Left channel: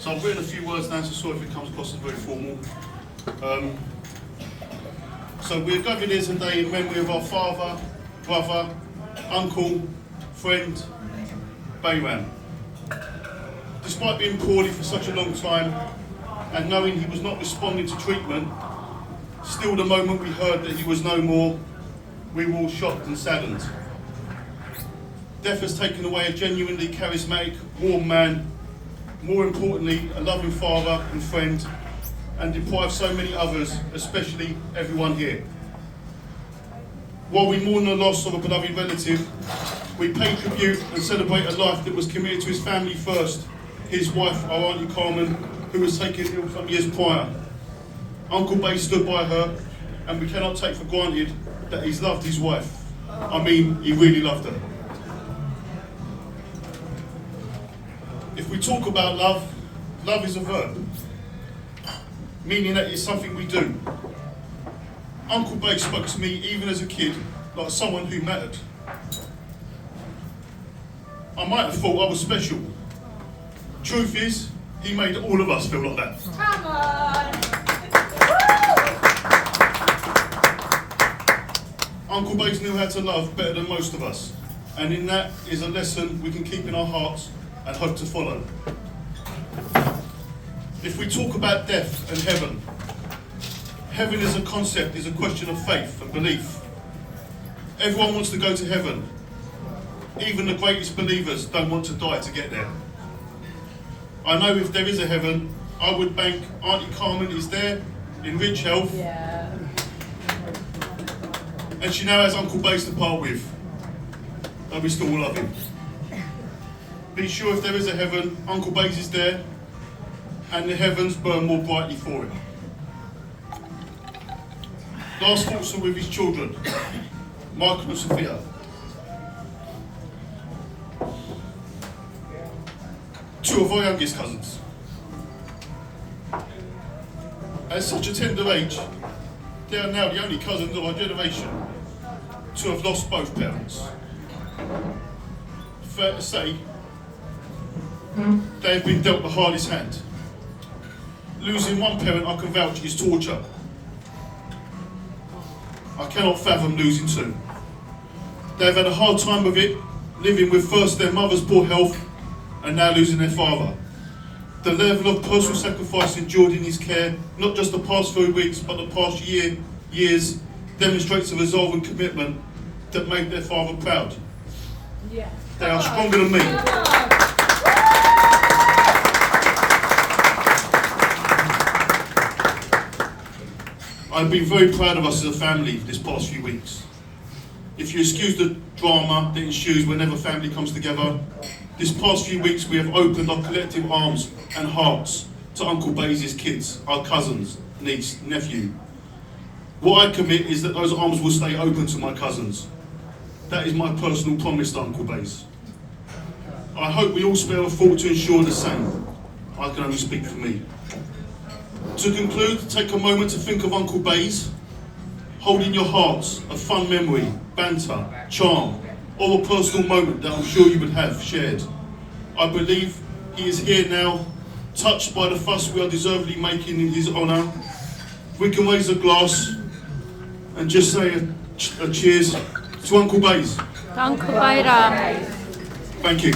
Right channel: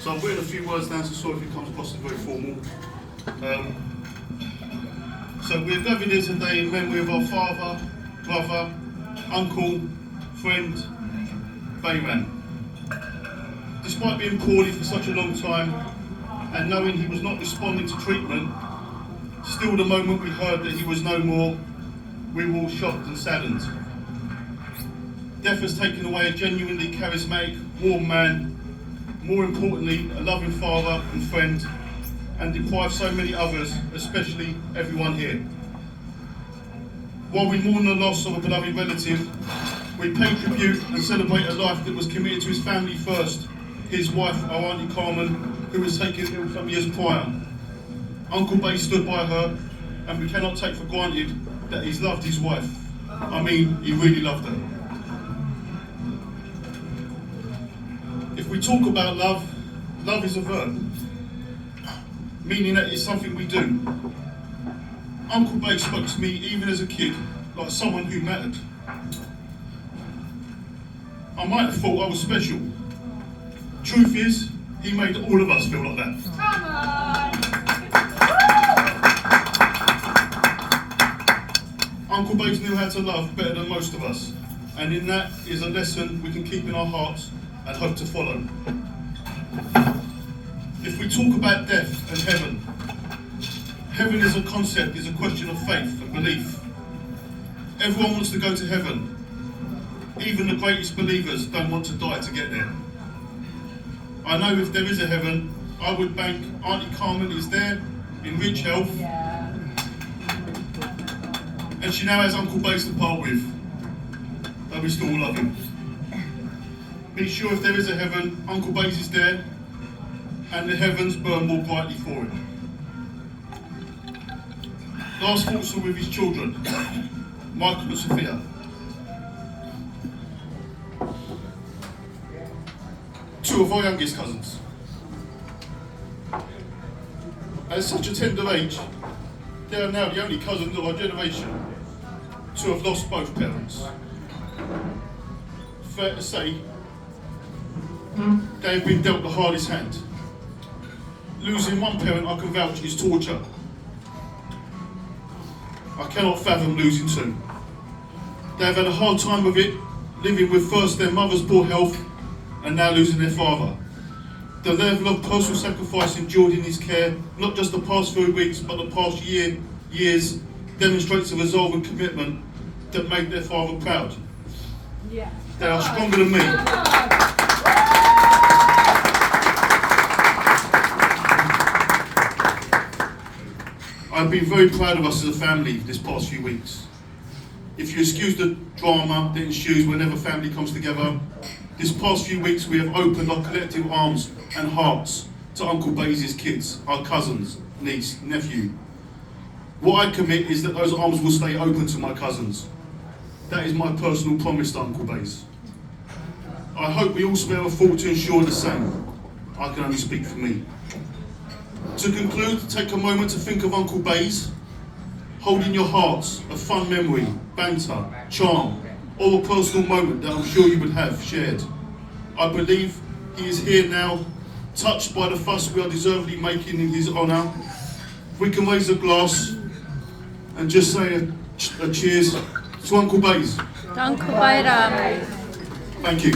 So I've written a few words down, so sorry if it comes across as very formal. So we're gathered here today in memory of our father, brother, uncle, friend, Bayram. Despite being poorly for such a long time and knowing he was not responding to treatment, still the moment we heard that he was no more, we were all shocked and saddened. Death has taken away a genuinely charismatic, warm man, more importantly, a loving father and friend, and deprived so many others, especially everyone here. While we mourn the loss of a beloved relative, we pay tribute and celebrate a life that was committed to his family first, his wife, our Auntie Carmen, who was taken ill some years prior. Uncle Bay stood by her, and we cannot take for granted that he's loved his wife. I mean, he really loved her. If we talk about love, love is a verb, meaning that it's something we do. Uncle Bay spoke to me, even as a kid, like someone who mattered. I might have thought I was special. Truth is, he made all of us feel like that. Come on! Uncle Bays knew how to love better than most of us, and in that is a lesson we can keep in our hearts and hope to follow. If we talk about death and heaven, heaven as a concept is a question of faith and belief. Everyone wants to go to heaven. Even the greatest believers don't want to die to get there. I know if there is a heaven, I would bank Auntie Carmen is there in rich health. Yeah. And she now has Uncle Bays to part with. But we still love him. Be sure if there is a heaven, Uncle Bays is there, and the heavens burn more brightly for him. Last thoughts are with his children, Michael and Sophia. Two of our youngest cousins. At such a tender age, they are now the only cousins of our generation to have lost both parents. Fair to say, they have been dealt the hardest hand. Losing one parent, I can vouch, is torture. I cannot fathom losing two. They have had a hard time of it, living with first their mother's poor health and now losing their father. The level of personal sacrifice endured in his care, not just the past few weeks, but the past years, demonstrates a resolve and commitment that made their father proud. Yeah. They are stronger than me. I've been very proud of us as a family this past few weeks. If you excuse the drama that ensues whenever family comes together, this past few weeks we have opened our collective arms and hearts to Uncle Bays' kids, our cousins, niece, nephew. What I commit is that those arms will stay open to my cousins. That is my personal promise to Uncle Bays. I hope we all spare a thought to ensure the same. I can only speak for me. To conclude, take a moment to think of Uncle Bays. Hold in your hearts a fun memory, banter, charm, or a personal moment that I'm sure you would have shared. I believe he is here now, touched by the fuss we are deservedly making in his honour. We can raise a glass and just say a cheers to Uncle Bays. Uncle Bayram. Thank you.